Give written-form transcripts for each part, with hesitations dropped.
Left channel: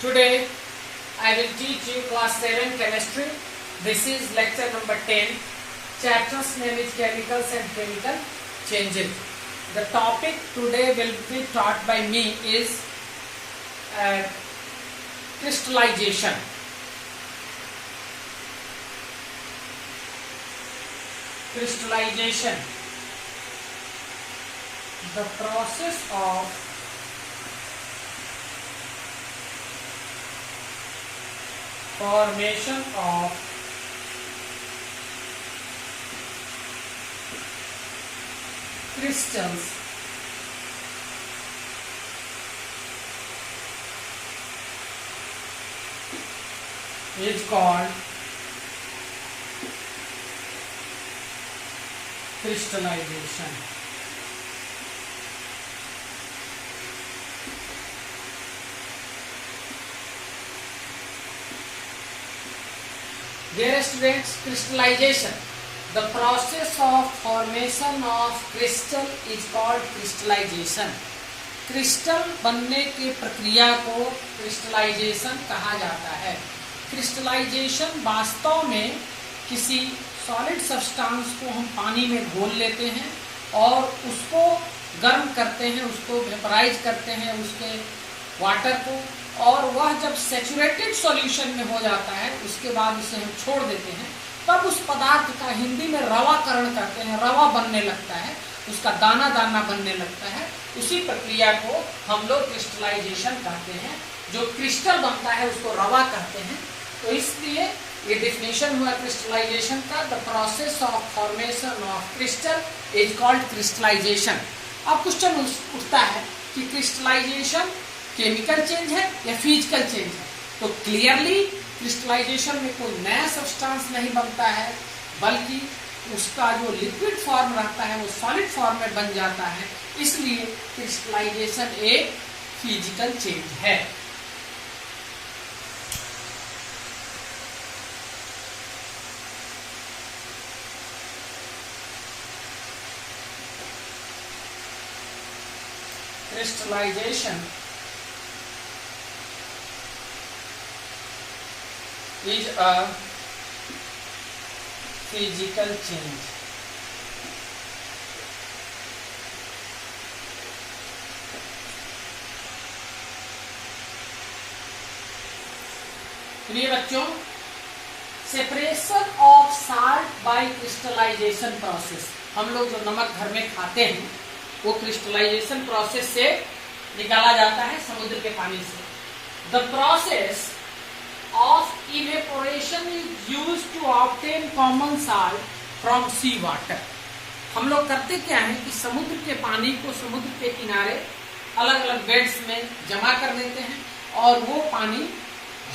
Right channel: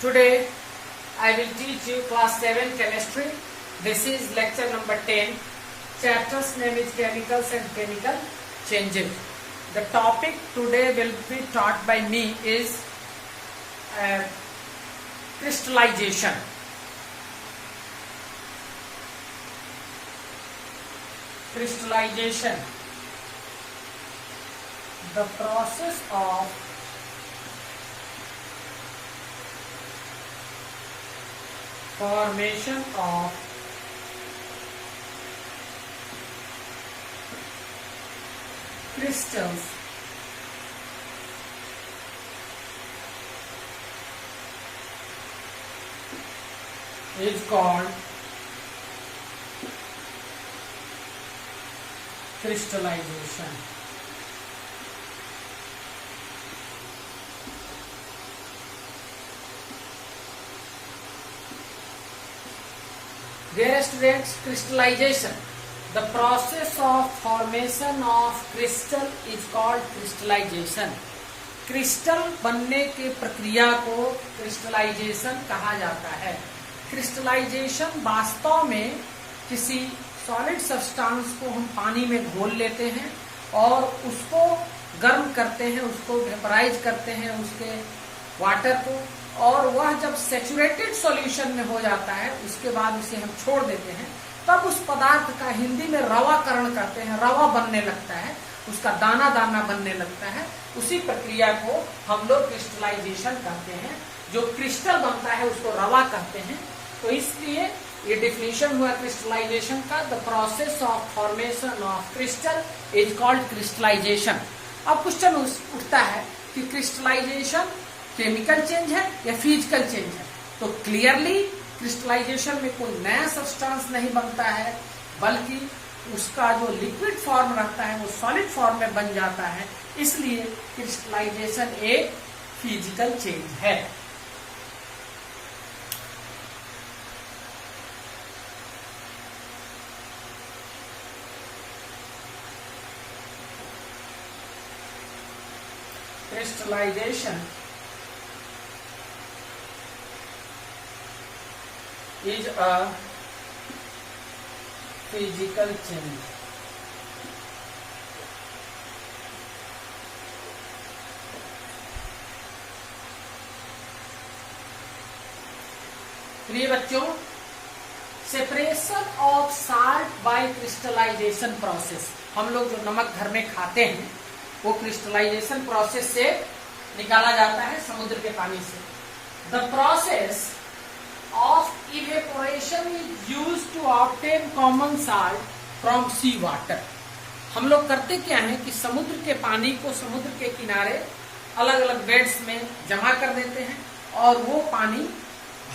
Today I will teach you class 7 chemistry. This is lecture number 10. Chapter's name is chemicals and chemical changes. The topic today will be taught by me is crystallization. Crystallization, the process of formation of crystals is called crystallization. Dear students, crystallization, the process of formation of crystal is called crystallization. Crystal बनने की प्रक्रिया को crystallisation कहा जाता है. Crystallisation वास्तव में किसी सॉलिड सब्सटेंस को हम पानी में घोल लेते हैं और उसको गर्म करते हैं, उसको वेपराइज करते हैं उसके वाटर को, और वह जब सैचुरेटेड सॉल्यूशन में हो जाता है उसके बाद उसे हम छोड़ देते हैं, तब उस पदार्थ का हिंदी में रवाकरण करते हैं, रवा बनने लगता है, उसका दाना दाना बनने लगता है. उसी प्रक्रिया को हम लोग क्रिस्टलाइजेशन कहते हैं. जो क्रिस्टल बनता है उसको रवा कहते हैं. तो इसलिए ये डेफिनेशन हुआ क्रिस्टलाइजेशन का. The process of formation of crystal is called crystallization. अब क्वेश्चन उठता है कि क्रिस्टलाइजेशन केमिकल चेंज है या फिजिकल चेंज है. तो क्लियरली क्रिस्टलाइजेशन में कोई नया सब्सटेंस नहीं बनता है, बल्कि उसका जो लिक्विड फॉर्म रहता है वो सॉलिड फॉर्म में बन जाता है. इसलिए क्रिस्टलाइजेशन एक फिजिकल चेंज है. Crystallization is a physical change. प्रिय बच्चों, separation of salt by crystallization process. हम लोग जो नमक घर में खाते हैं वो क्रिस्टलाइजेशन प्रोसेस से निकाला जाता है समुद्र के पानी से. The process of evaporation is used to obtain common salt from sea water. हम लोग करते क्या है कि समुद्र के पानी को समुद्र के किनारे अलग अलग बेड्स में जमा कर देते हैं और वो पानी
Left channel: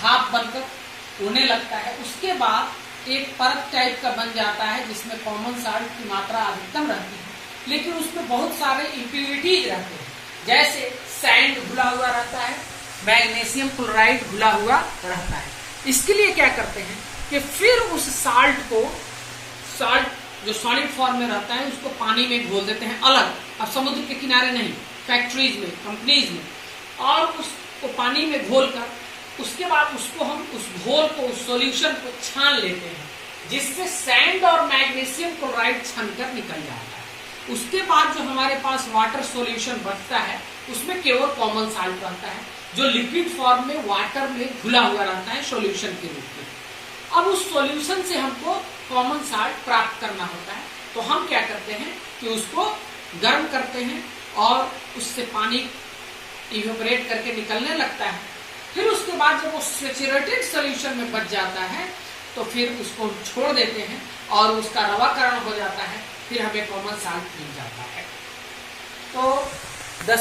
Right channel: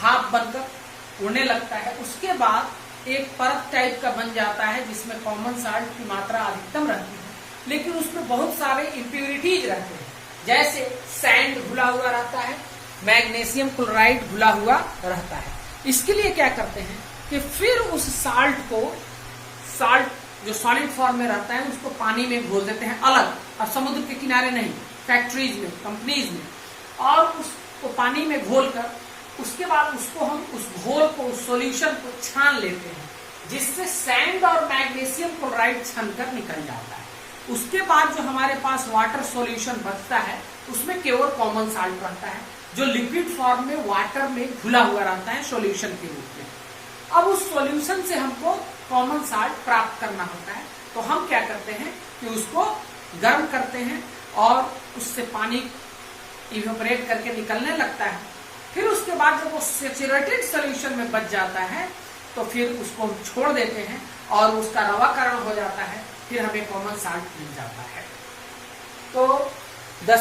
भाप बनकर उड़ने लगता है. उसके बाद एक परत टाइप का बन जाता है जिसमें कॉमन साल्ट की मात्रा अधिकतम रहती है, लेकिन उसमें बहुत सारे इम्प्यूरिटीज रहते हैं. जैसे सैंड घुला हुआ रहता है, मैग्नीशियम क्लोराइड घुला हुआ रहता है. इसके लिए क्या करते हैं कि फिर उस साल्ट जो सॉलिड फॉर्म में रहता है उसको पानी में घोल देते हैं अलग. अब समुद्र के किनारे नहीं, फैक्ट्रीज में, कंपनीज में, और उसको पानी में घोल कर उसके बाद उसको हम उस घोल को, उस सॉल्यूशन को छान लेते हैं, जिससे सैंड और मैग्नीशियम क्लोराइड छनकर निकल जाता है. उसके बाद जो हमारे पास वाटर सॉल्यूशन बचता है उसमें केवल कॉमन साल्ट रहता है, जो लिक्विड फॉर्म में वाटर में घुला हुआ रहता है सॉल्यूशन के रूप में. अब उस सॉल्यूशन से हमको कॉमन साल्ट प्राप्त करना होता है. तो हम क्या करते हैं कि उसको गर्म करते हैं और उससे पानी इवेपोरेट करके निकलने लगता है. फिर उसके बाद जब वो सैचुरेटेड सॉल्यूशन में बच जाता है तो फिर उसको छोड़ देते हैं और उसका रवाकरण हो जाता है. फिर हमें कॉमन साल्ट मिल जाता है. तो the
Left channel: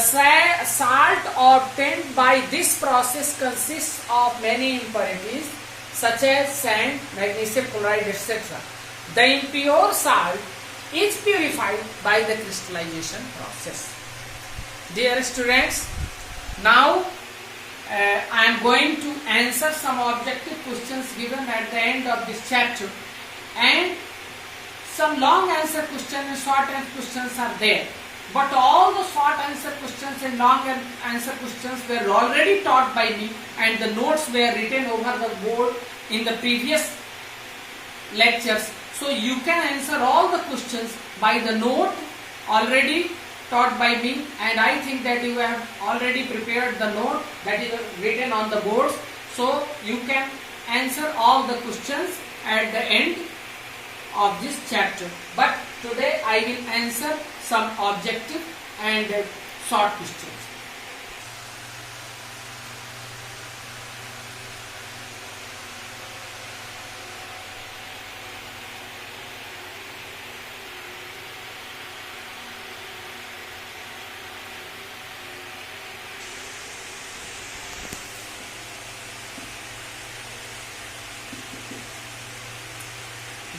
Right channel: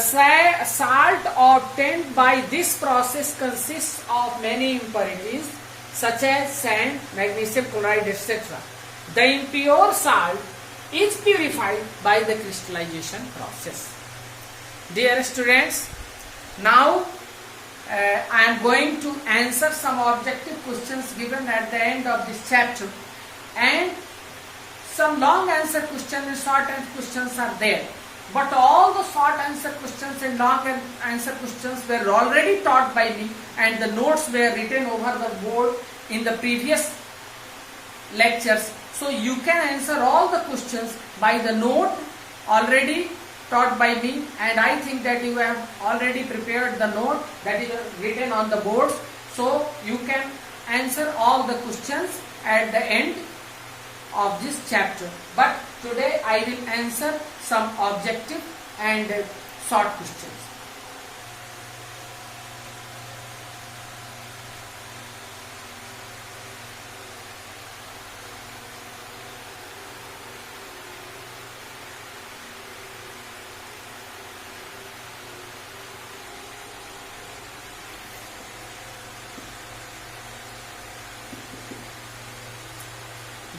salt obtained by this process consists of many impurities such as sand, magnesium chloride, etc. The impure salt is purified by the crystallization process. Dear students, now I am going to answer some objective questions given at the end of this chapter, and some long answer questions and short answer questions are there. but all the short answer questions and long answer questions were already taught by me, and the notes were written over the board in the previous lectures. So you can answer all the questions by the note already taught by me, and I think that you have already prepared the note that is written on the boards. So you can answer all the questions at the end of this chapter. But today I will answer some objective and short questions.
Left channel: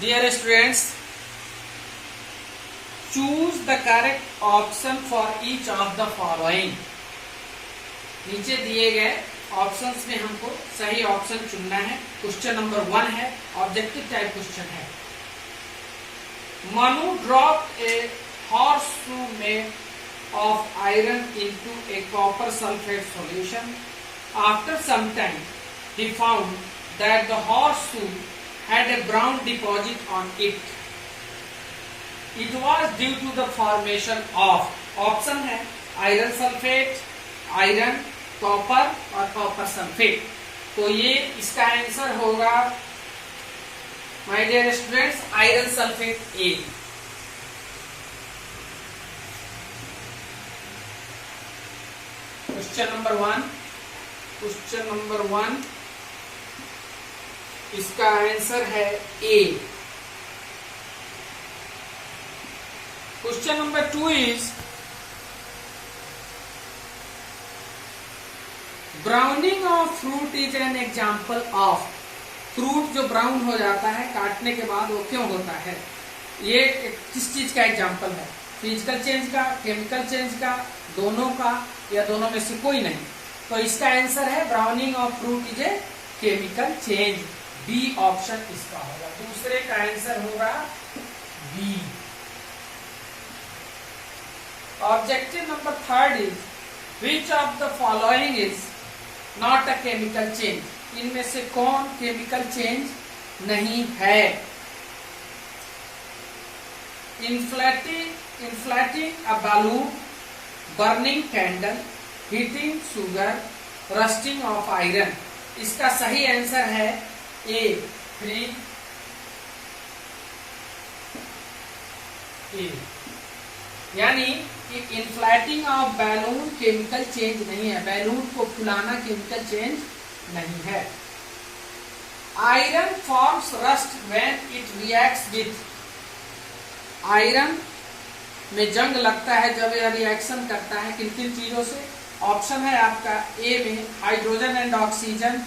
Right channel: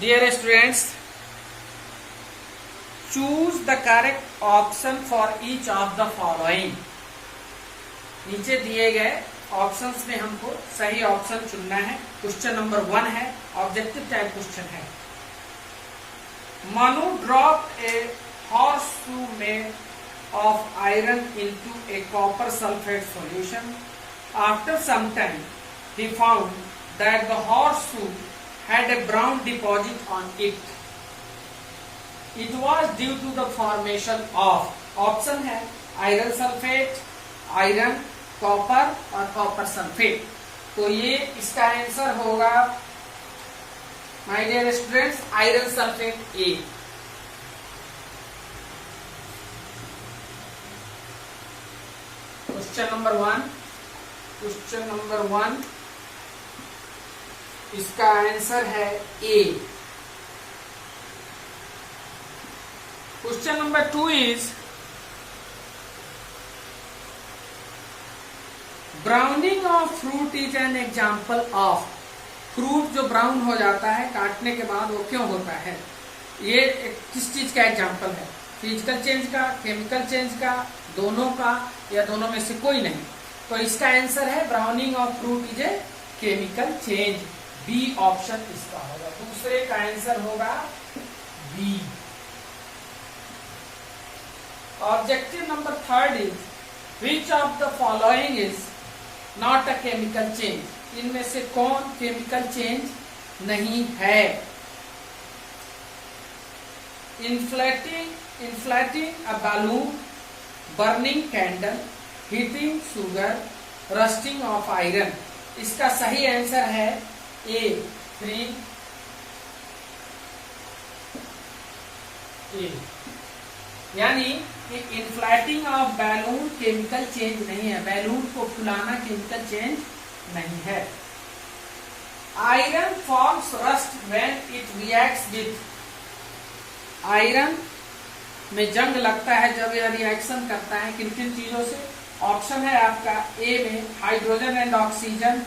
Dear students, choose the correct option for each of the following. नीचे दिए गए options में हमको सही option चुनना है. Question number 1 है, objective type question है. Manu dropped a horseshoe made of iron into a copper sulfate solution. After some time, he found that the horseshoe had a brown deposit on it. It was due to the formation of, option है iron sulphate, iron, copper और copper sulphate. तो ये इसका answer होगा my dear students iron sulphate A. Question number 1 इसका answer है A. Question number 2 is browning of fruit is an example of. Fruit जो brown हो जाता है काटने के बाद वो क्यों होता है? ये किस चीज का एग्जाम्पल है? फिजिकल चेंज का, केमिकल चेंज का, दोनों का, या दोनों में से कोई नहीं? तो इसका आंसर है browning of fruit is a chemical change. B option इसका होगा. दूसरे का आंसर होगा B. Objective number 3 is which of the following is not a chemical change. इनमें से कौन केमिकल चेंज नहीं है? Inflating a balloon, burning candle, heating sugar, rusting of iron. इसका सही आंसर है ए 3. ए यानी कि inflating of balloon chemical change नहीं है. बैलून को फुलाना केमिकल चेंज नहीं है. Iron forms rust when it reacts with. Iron में जंग लगता है जब यह रिएक्शन करता है किन किन चीजों से? ऑप्शन है आपका ए में हाइड्रोजन एंड ऑक्सीजन,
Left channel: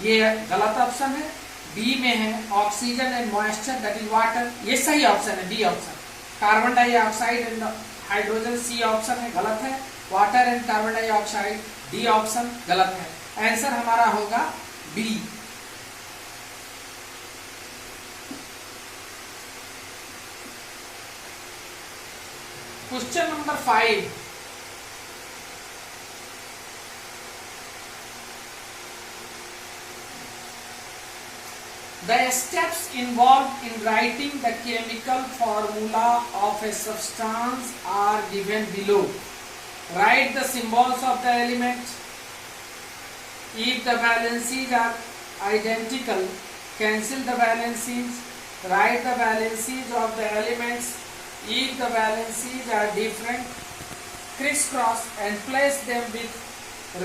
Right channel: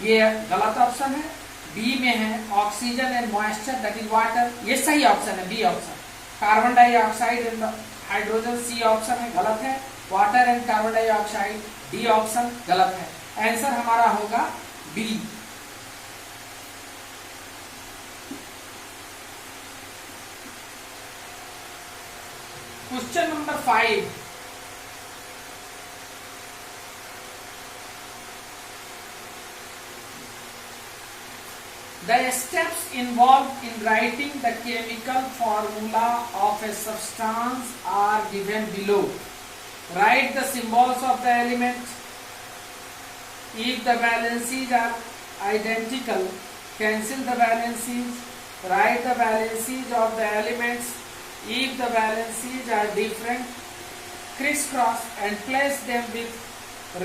ये गलत ऑप्शन है. बी में है oxygen and moisture that is water, ये सही ऑप्शन है B option. Carbon dioxide and hydrogen C option है, गलत है. Water and carbon dioxide D option गलत है. आंसर हमारा होगा B. Question number 5. The steps involved in writing the chemical formula of a substance are given below. Write the symbols of the element. If the valencies are identical, cancel the valencies. Write the valencies of the elements. If the valencies are different, crisscross and place them with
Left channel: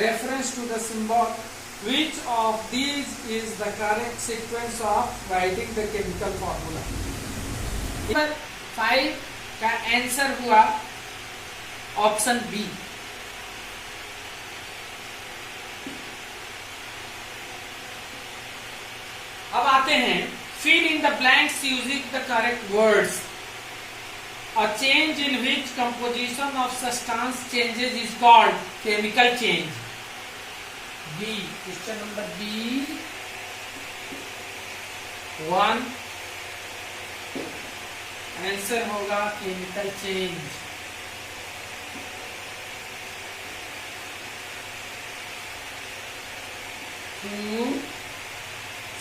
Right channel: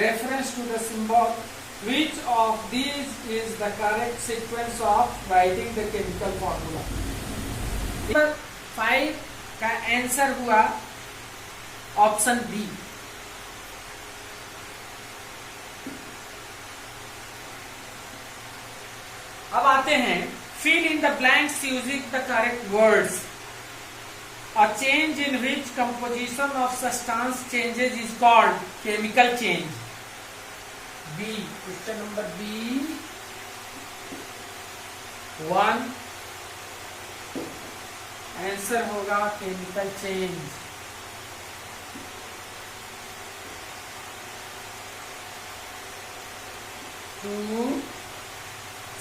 reference to the symbol. Which of these is the correct sequence of writing the chemical formula? Number 5 का answer हुआ option B. अब आते हैं fill in the blanks using the correct words. A change in which composition of substance changes is called chemical change. B. Question number B 1 answer होगा chemical change. 2.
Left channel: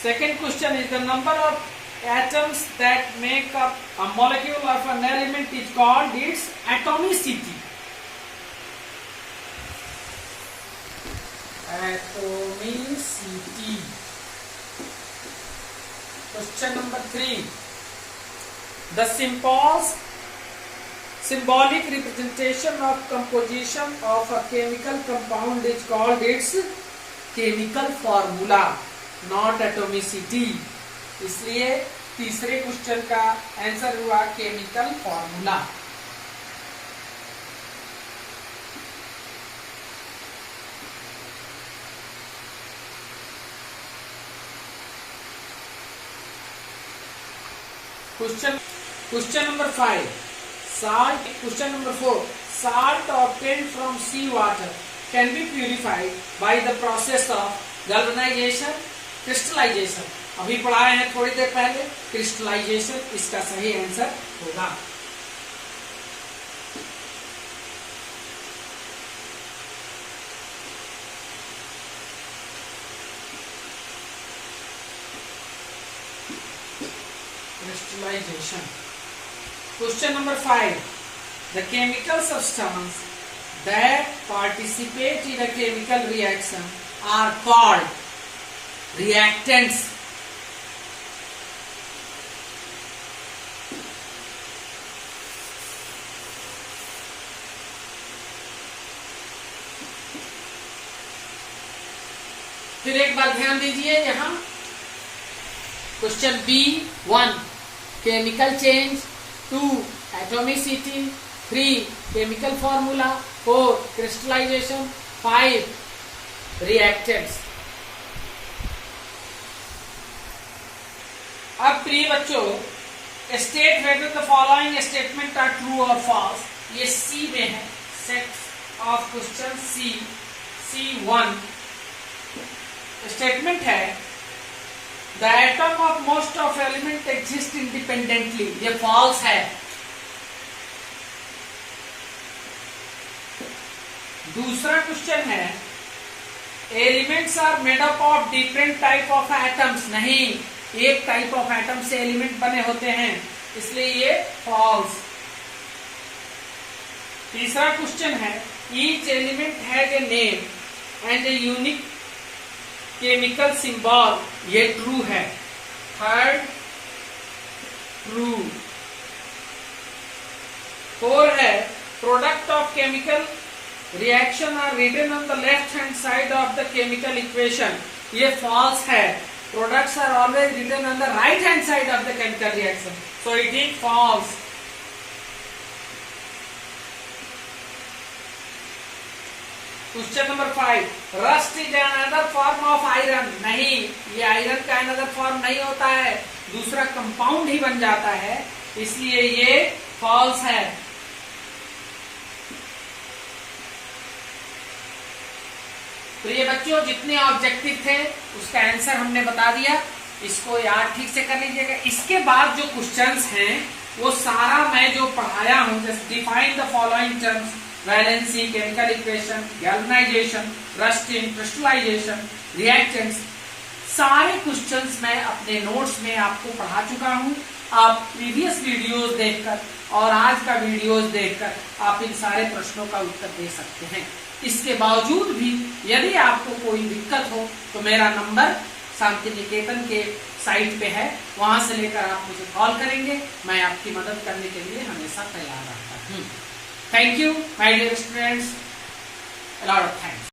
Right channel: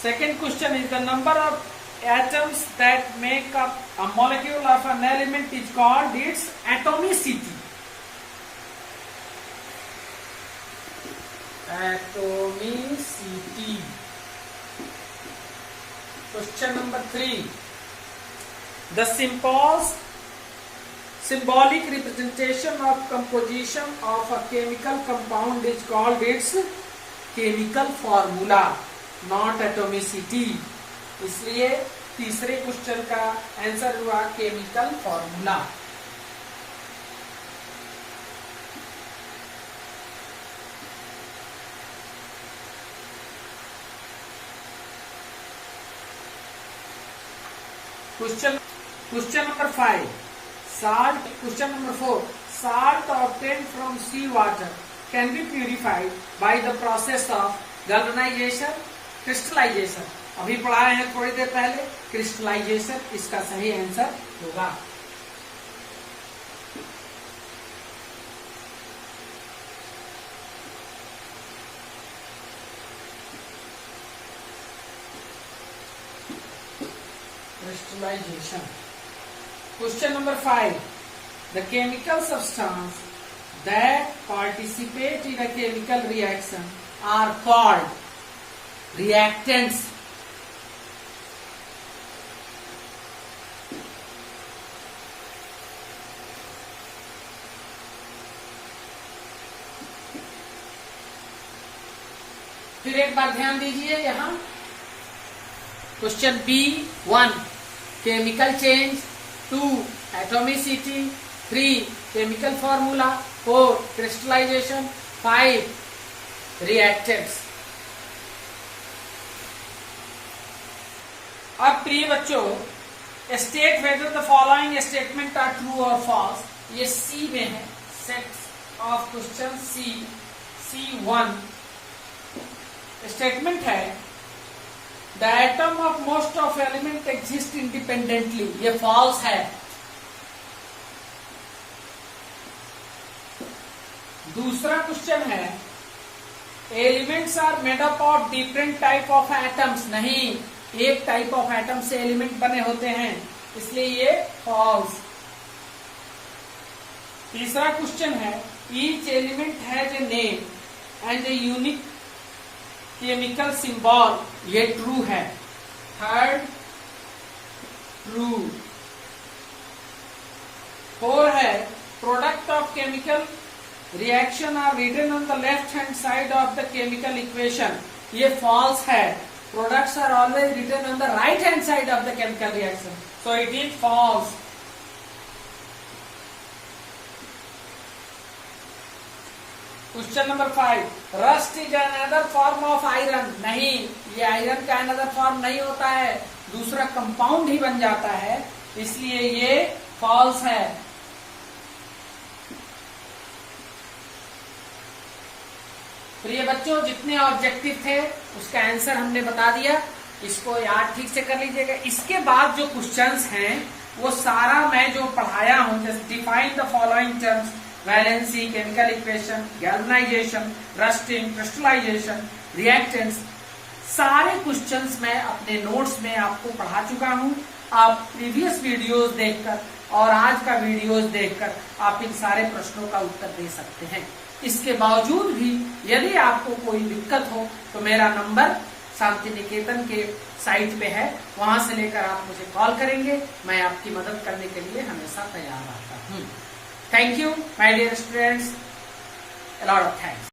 Second question is the number of atoms that make up a molecule of an element is called its atomicity. Atomicity. Question number 3. The symbolic representation of composition of a chemical compound is called its chemical formula, not atomicity. इसलिए तीसरे question का answer हुआ chemical formula. Question number 5. Salt. Question number 4. Salt obtained from sea water can be purified by the process of galvanization, crystallization. अभी पढ़ाए हैं थोड़ी देर पहले. Crystallisation इसका सही आंसर होगा. Crystallization. Question number 5. The chemical substance that participate in a chemical reaction are called reactants. फिर एक बार ध्यान दीजिए यहां. Question B1 chemical change, 2 atomicity, 3 chemical formula, 4 crystallization, 5 reactants. अब प्रिय बच्चों, state whether the following statement are true और false. ये सी में है. Set of question C1 statement है the atom of most of element exist independently. ये false है. दूसरा क्वेश्चन है elements are made up of different type of atoms. नहीं, एक टाइप ऑफ एटम से एलिमेंट बने होते हैं, इसलिए ये फॉल्स. तीसरा क्वेश्चन है each element has a name and a unique chemical symbol. ये ट्रू है. Third true. 4 है product of chemical reaction are written on the left hand side of the chemical equation. ये फॉल्स है. Products are always written on the right hand side of the chemical reaction, so it is false. Question number 5. Rust is another form of iron. नहीं, ये iron का another form नहीं होता है, दूसरा compound ही बन जाता है, इसलिए ये फॉल्स है. प्रिय बच्चों, जितने ऑब्जेक्टिव थे उसका आंसर हमने बता दिया. इसको याद ठीक से कर लीजिएगा. इसके बाद जो क्वेश्चंस हैं वो सारा मैं जो पढ़ाया हूं, just define the following terms, valency, chemical equation, galvanization, rusting, crystallization, reactants, सारे क्वेश्चंस मैं अपने नोट्स में आपको पढ़ा चुका हूं. आप प्रीवियस वीडियोस देखकर और आज का वीडियोस देखकर आप इन सारे प्रश्नों का उत्तर दे सकते हैं. इसके बावजूद भी यदि आपको कोई दिक्कत हो तो मेरा नंबर शांति निकेतन के साइट पे है, वहां से लेकर आप मुझे कॉल करेंगे. मैं आपकी मदद करने के लिए हमेशा तैयार रहता हूँ. Thank you, my dear students. A lot of thanks.